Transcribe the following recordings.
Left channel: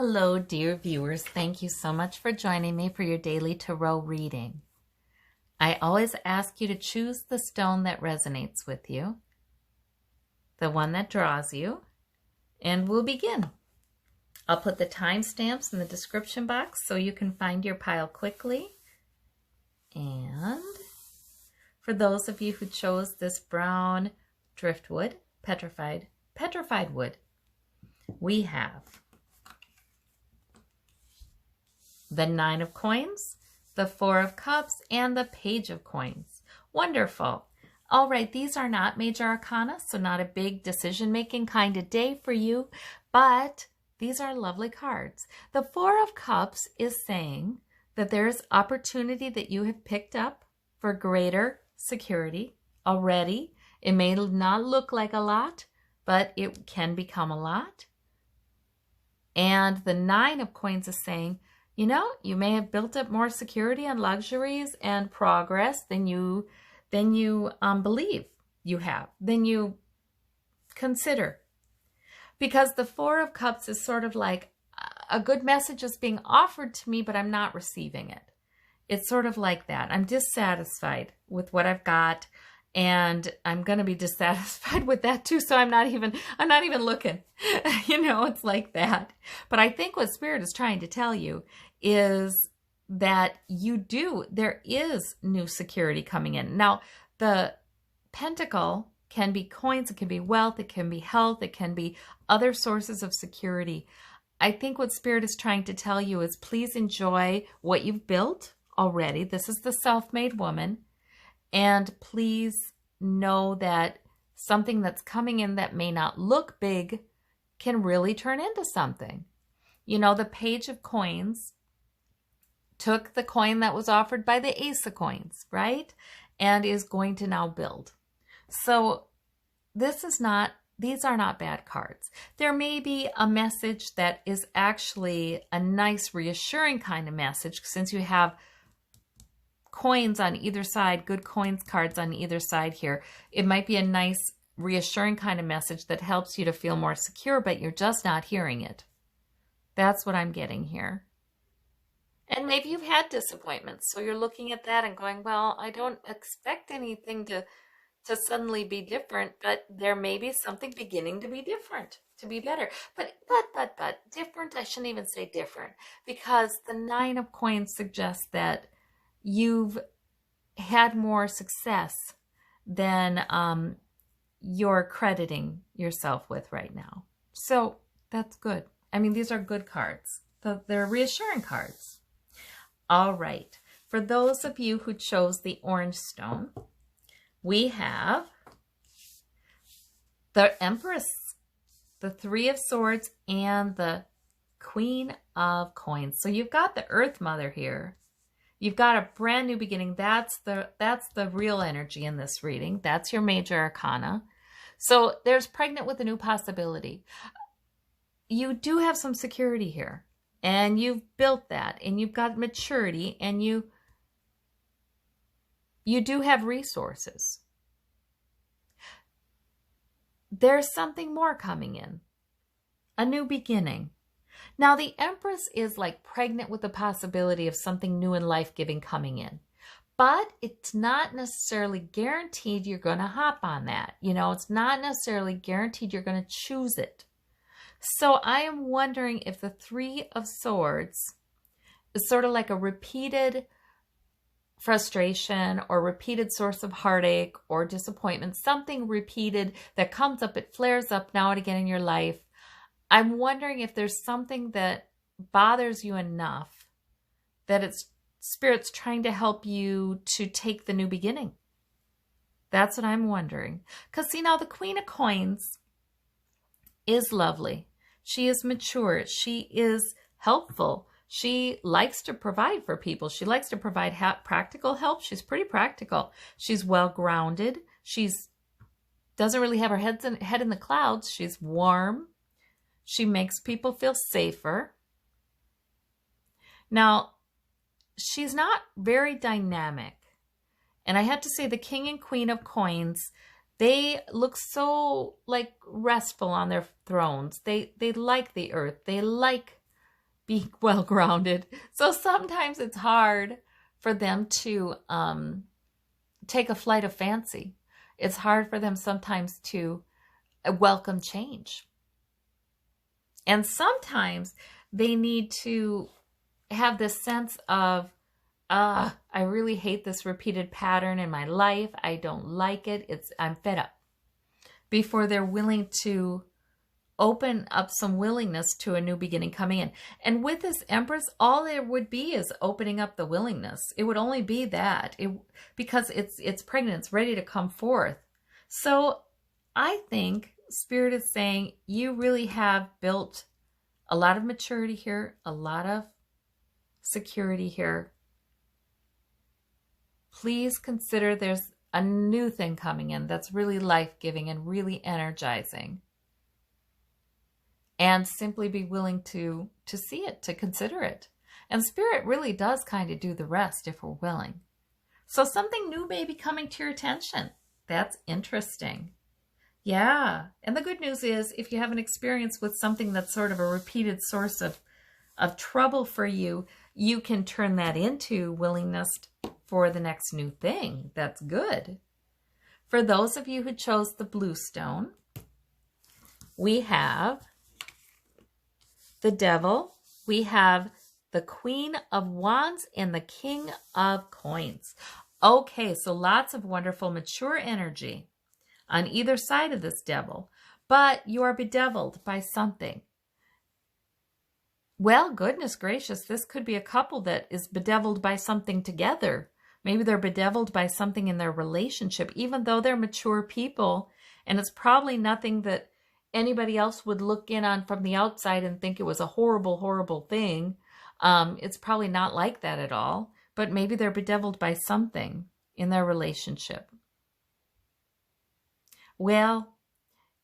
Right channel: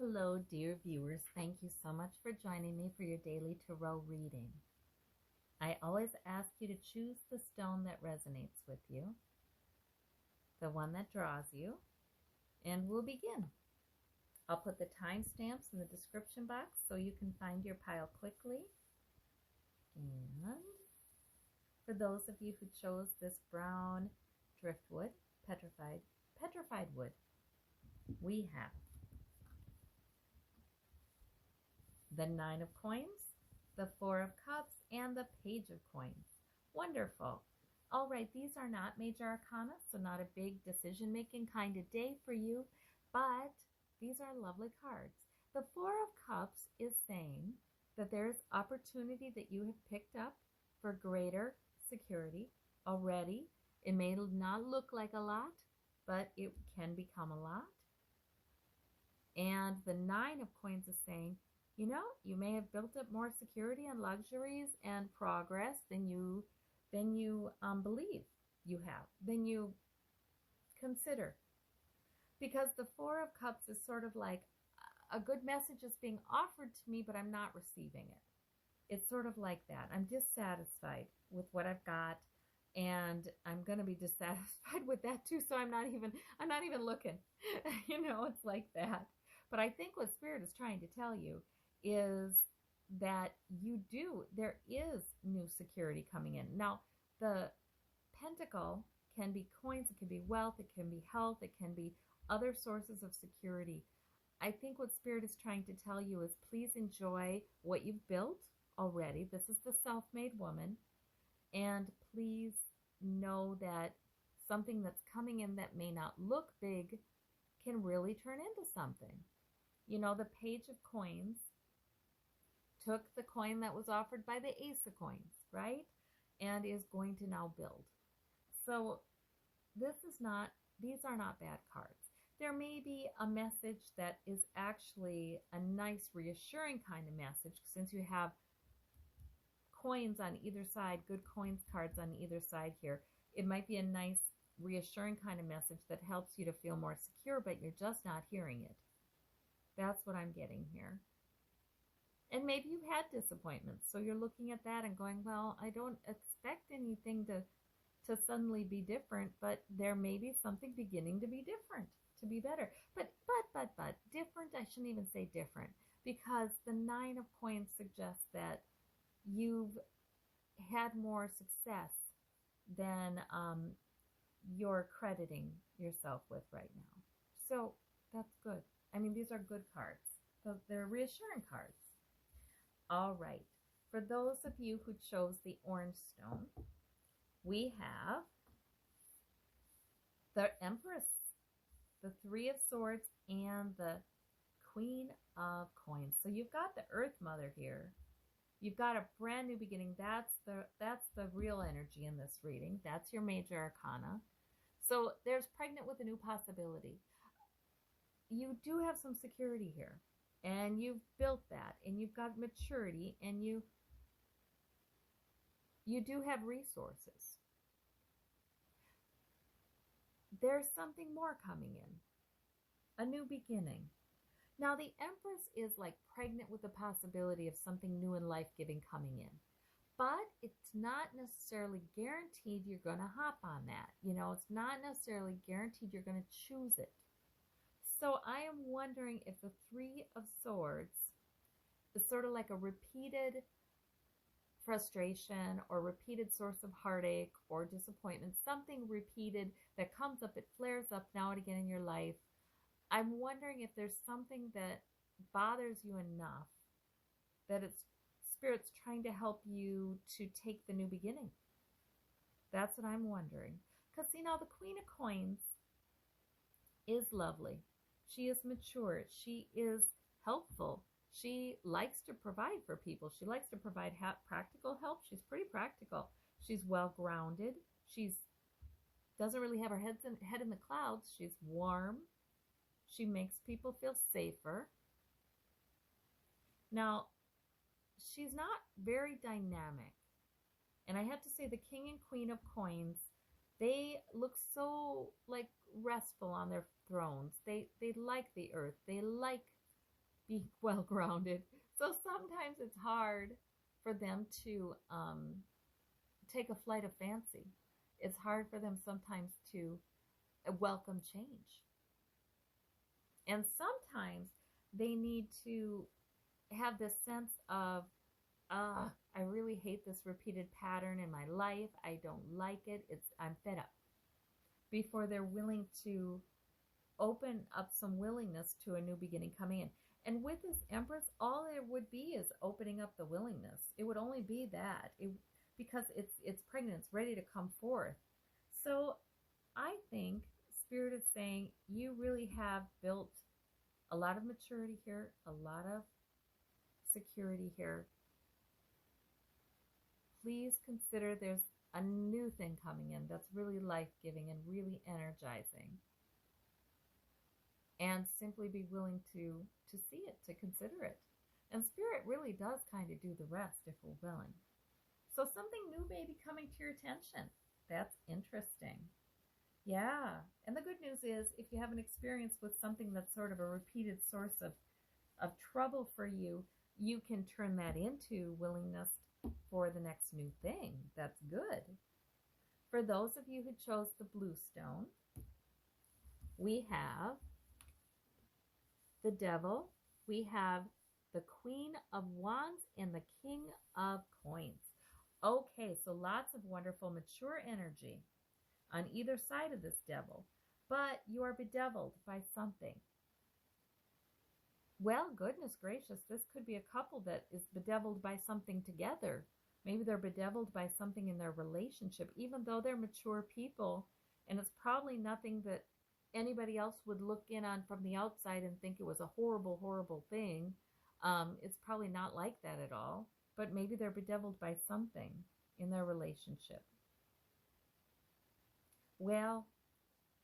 Hello, dear viewers. Thank you so much for joining me for your daily tarot reading. I always ask you to choose the stone that resonates with you, the one that draws you, and we'll begin. I'll put the timestamps in the description box so you can find your pile quickly. And for those of you who chose this brown driftwood, petrified wood, we have the 9 of coins, the 4 of cups, and the page of coins. Wonderful. All right, these are not major arcana, so not a big decision-making kind of day for you, but these are lovely cards. The 4 of cups is saying that there's opportunity that you have picked up for greater security already. It may not look like a lot, but it can become a lot. And the 9 of coins is saying, you know, you may have built up more security and luxuries and progress than you believe you have, than you consider. Because the 4 of Cups is sort of like a good message is being offered to me, but I'm not receiving it. It's sort of like that. I'm dissatisfied with what I've got, and I'm going to be dissatisfied with that too, so I'm not even looking. You know, it's like that. But I think what Spirit is trying to tell you is that there is new security coming in. Now, the pentacle can be coins, it can be wealth, it can be health, it can be other sources of security. I think what Spirit is trying to tell you is please enjoy what you've built already. This is the self-made woman. And please know that something that's coming in that may not look big can really turn into something. You know, the page of coins took the coin that was offered by the ace of coins, right? And is going to now build. So these are not bad cards. There may be a message that is actually a nice, reassuring kind of message since you have coins on either side, good coins cards on either side here. It might be a nice, reassuring kind of message that helps you to feel more secure, but you're just not hearing it. That's what I'm getting here. And maybe you've had disappointments, so you're looking at that and going, well, I don't expect anything to suddenly be different, but there may be something beginning to be different, to be better. But different, I shouldn't even say different, because the 9 of coins suggests that you've had more success than you're crediting yourself with right now. So that's good. I mean, these are good cards. They're reassuring cards. All right. For those of you who chose the orange stone, we have the Empress, the 3 of Swords, and the Queen of Coins. So you've got the Earth Mother here. You've got a brand new beginning. That's the real energy in this reading. That's your major arcana. So there's pregnant with a new possibility. You do have some security here, and you've built that, and you've got maturity, and you do have resources. There's something more coming in, a new beginning. Now, the Empress is like pregnant with the possibility of something new and life-giving coming in. But it's not necessarily guaranteed you're going to hop on that. You know, it's not necessarily guaranteed you're going to choose it. So I am wondering if the 3 of Swords is sort of like a repeated frustration or repeated source of heartache or disappointment, something repeated that comes up, it flares up now and again in your life. I'm wondering if there's something that bothers you enough that Spirit's trying to help you to take the new beginning. That's what I'm wondering. Because, see, now the Queen of Coins is lovely. She is mature. She is helpful. She likes to provide for people. She likes to provide practical help. She's pretty practical. She's well-grounded. She doesn't really have her head in the clouds. She's warm. She makes people feel safer. Now, she's not very dynamic. And I have to say the King and Queen of Coins, they look so like restful on their thrones. They like the earth. They like being well grounded. So sometimes it's hard for them to take a flight of fancy. It's hard for them sometimes to welcome change. And sometimes they need to have this sense of, I really hate this repeated pattern in my life. I don't like it. I'm fed up. Before they're willing to open up some willingness to a new beginning coming in. And with this Empress, all there would be is opening up the willingness. It would only be that, because it's pregnant, it's ready to come forth. So I think Spirit is saying you really have built a lot of maturity here, a lot of security here. Please consider there's a new thing coming in that's really life-giving and really energizing. And simply be willing to see it, to consider it. And Spirit really does kind of do the rest if we're willing. So something new may be coming to your attention. That's interesting. Yeah. And the good news is, if you have an experience with something that's sort of a repeated source of trouble for you, you can turn that into willingness for the next new thing. That's good. For those of you who chose the blue stone, we have the Devil, we have the Queen of Wands, and the King of Coins. Okay, so lots of wonderful mature energy on either side of this Devil, but you are bedeviled by something. Well, goodness gracious, this could be a couple that is bedeviled by something together. Maybe they're bedeviled by something in their relationship, even though they're mature people, and it's probably nothing that anybody else would look in on from the outside and think it was a horrible, horrible thing. It's probably not like that at all, but maybe they're bedeviled by something in their relationship. Well,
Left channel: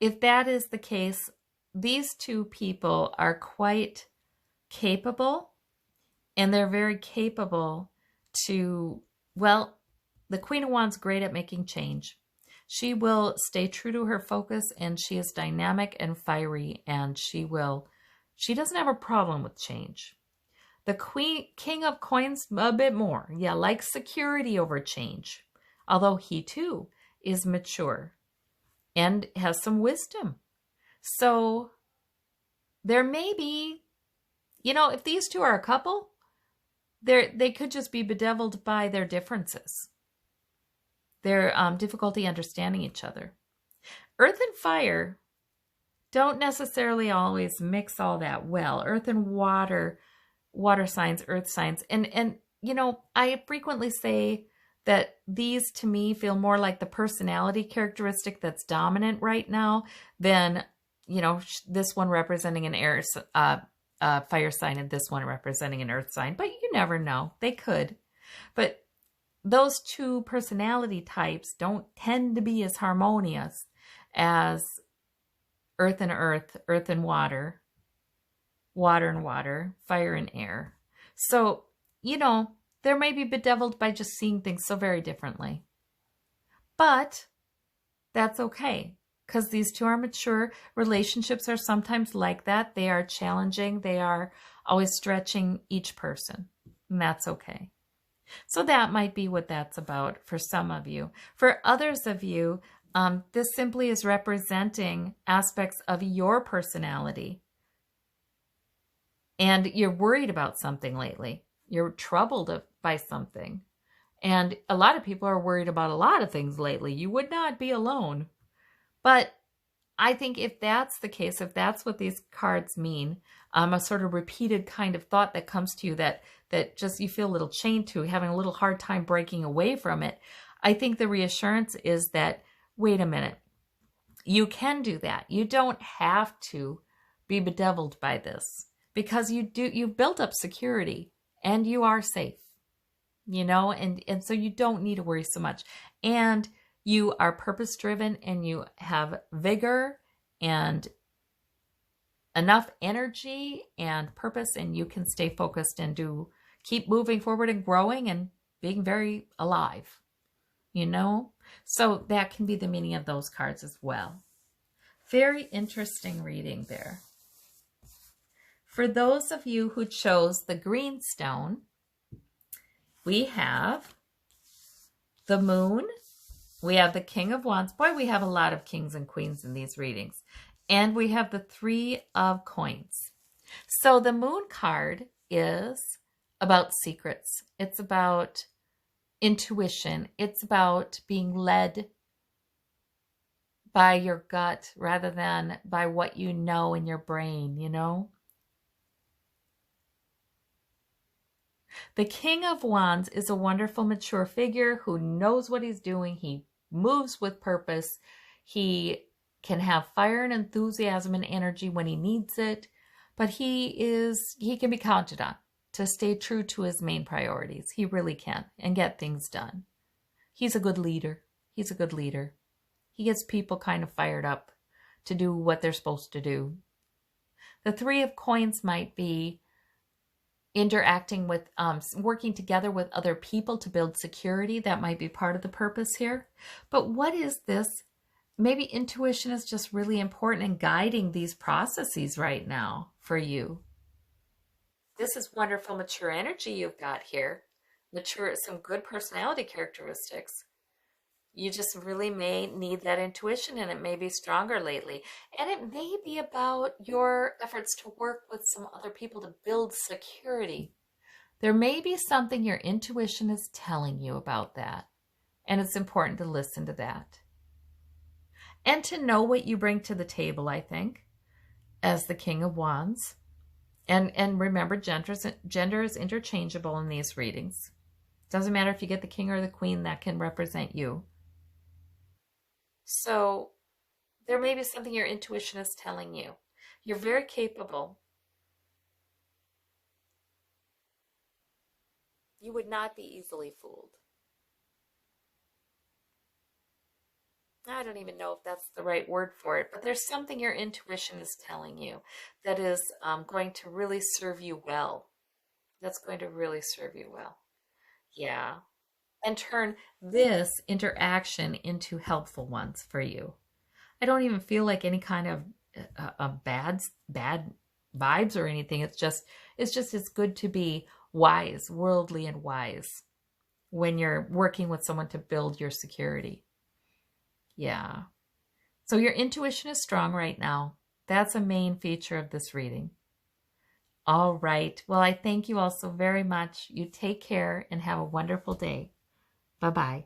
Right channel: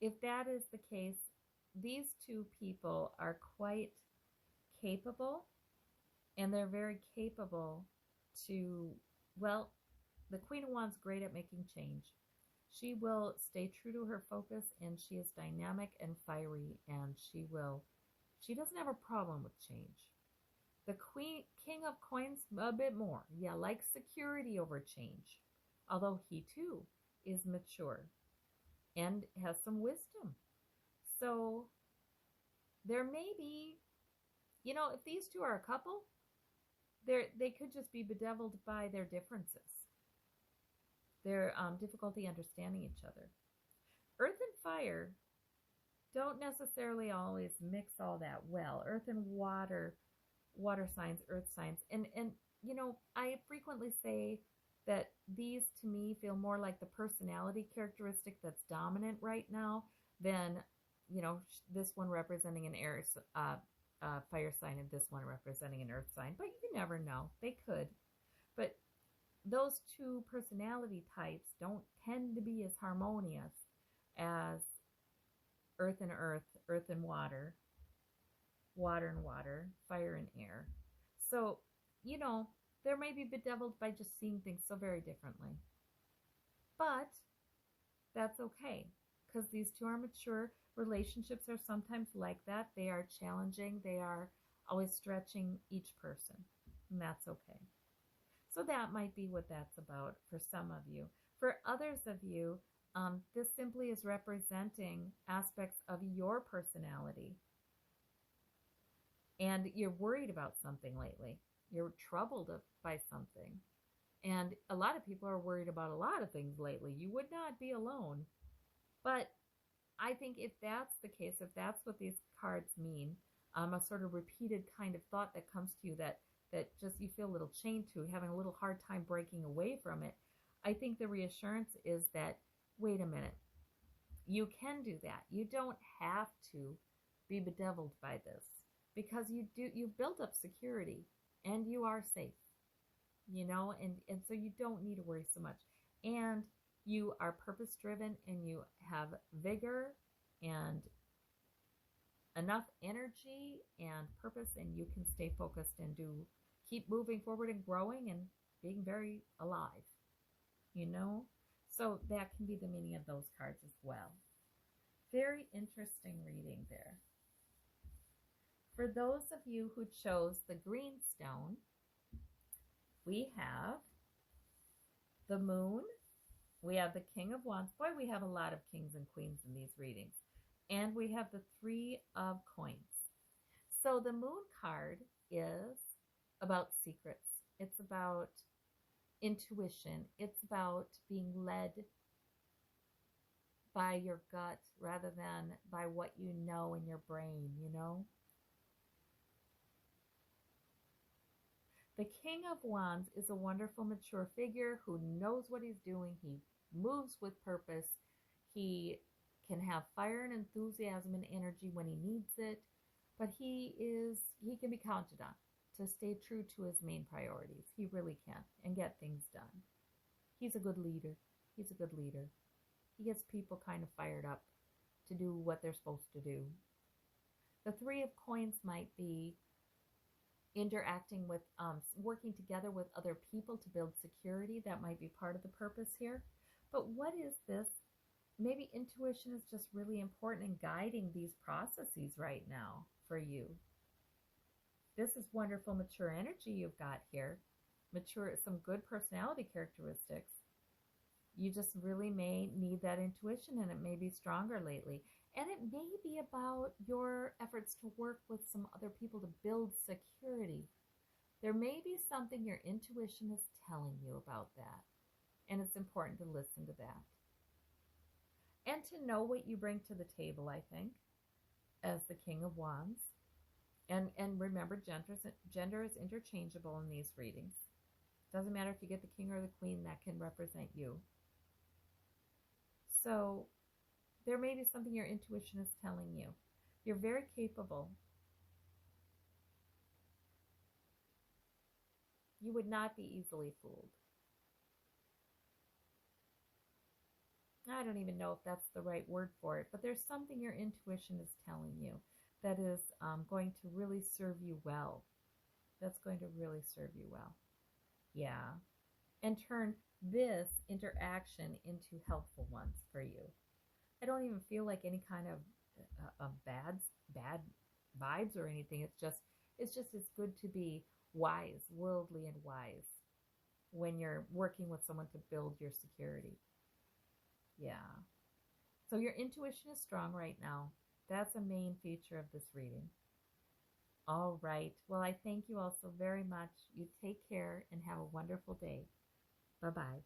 if that is the case, these two people are quite capable, and they're very capable to, well, the Queen of Wands is great at making change. She will stay true to her focus, and she is dynamic and fiery, and she doesn't have a problem with change. The King of Coins, a bit more. Yeah, likes security over change, although he too is mature and has some wisdom. So there may be, if these two are a couple, they could just be bedeviled by their differences. Their difficulty understanding each other. Earth and fire don't necessarily always mix all that well. Earth and water signs, earth signs. And I frequently say that these to me feel more like the personality characteristic that's dominant right now than, this one representing an air fire sign and this one representing an earth sign. But you never know. They could. But those two personality types don't tend to be as harmonious as earth and earth, earth and water, water and water, fire and air. So, there may be bedeviled by just seeing things so very differently. But that's okay, because these two are mature. Relationships are sometimes like that. They are challenging. They are always stretching each person, and that's okay. So that might be what that's about for some of you. For others of you, this simply is representing aspects of your personality. And you're worried about something lately. You're troubled by something. And a lot of people are worried about a lot of things lately. You would not be alone. But I think if that's the case, if that's what these cards mean, a sort of repeated kind of thought that comes to you that just you feel a little chained to, having a little hard time breaking away from it, I think the reassurance is that, wait a minute, you can do that. You don't have to be bedeviled by this, because you've built up security and you are safe, and so you don't need to worry so much. And you are purpose-driven, and you have vigor and enough energy and purpose, and you can stay focused and keep moving forward and growing and being very alive, So that can be the meaning of those cards as well. Very interesting reading there. For those of you who chose the green stone, we have the moon, we have the King of Wands. Boy, we have a lot of kings and queens in these readings. And we have the Three of Coins. So the moon card is about secrets. It's about intuition. It's about being led by your gut rather than by what you know in your brain, you know? The King of Wands is a wonderful, mature figure who knows what he's doing. He moves with purpose. He can have fire and enthusiasm and energy when he needs it, but he can be counted on to stay true to his main priorities. He really can, and get things done. He's a good leader. He's a good leader. He gets people kind of fired up to do what they're supposed to do. The Three of Coins might be interacting with, working together with other people to build security. That might be part of the purpose here. But what is this? Maybe intuition is just really important in guiding these processes right now for you. This is wonderful, mature energy you've got here. Mature, some good personality characteristics. You just really may need that intuition, and it may be stronger lately. And it may be about your efforts to work with some other people to build security. There may be something your intuition is telling you about that. And it's important to listen to that. And to know what you bring to the table, I think, as the King of Wands. And remember, gender is interchangeable in these readings. Doesn't matter if you get the king or the queen, that can represent you. So there may be something your intuition is telling you. You're very capable. You would not be easily fooled. I don't even know if that's the right word for it, but there's something your intuition is telling you that is going to really serve you well. That's going to really serve you well. Yeah. And turn this interaction into helpful ones for you. I don't even feel like any kind of bad vibes or anything. It's just it's good to be wise, worldly and wise when you're working with someone to build your security. Yeah. So your intuition is strong right now. That's a main feature of this reading. All right. Well, I thank you all so very much. You take care and have a wonderful day. Bye-bye.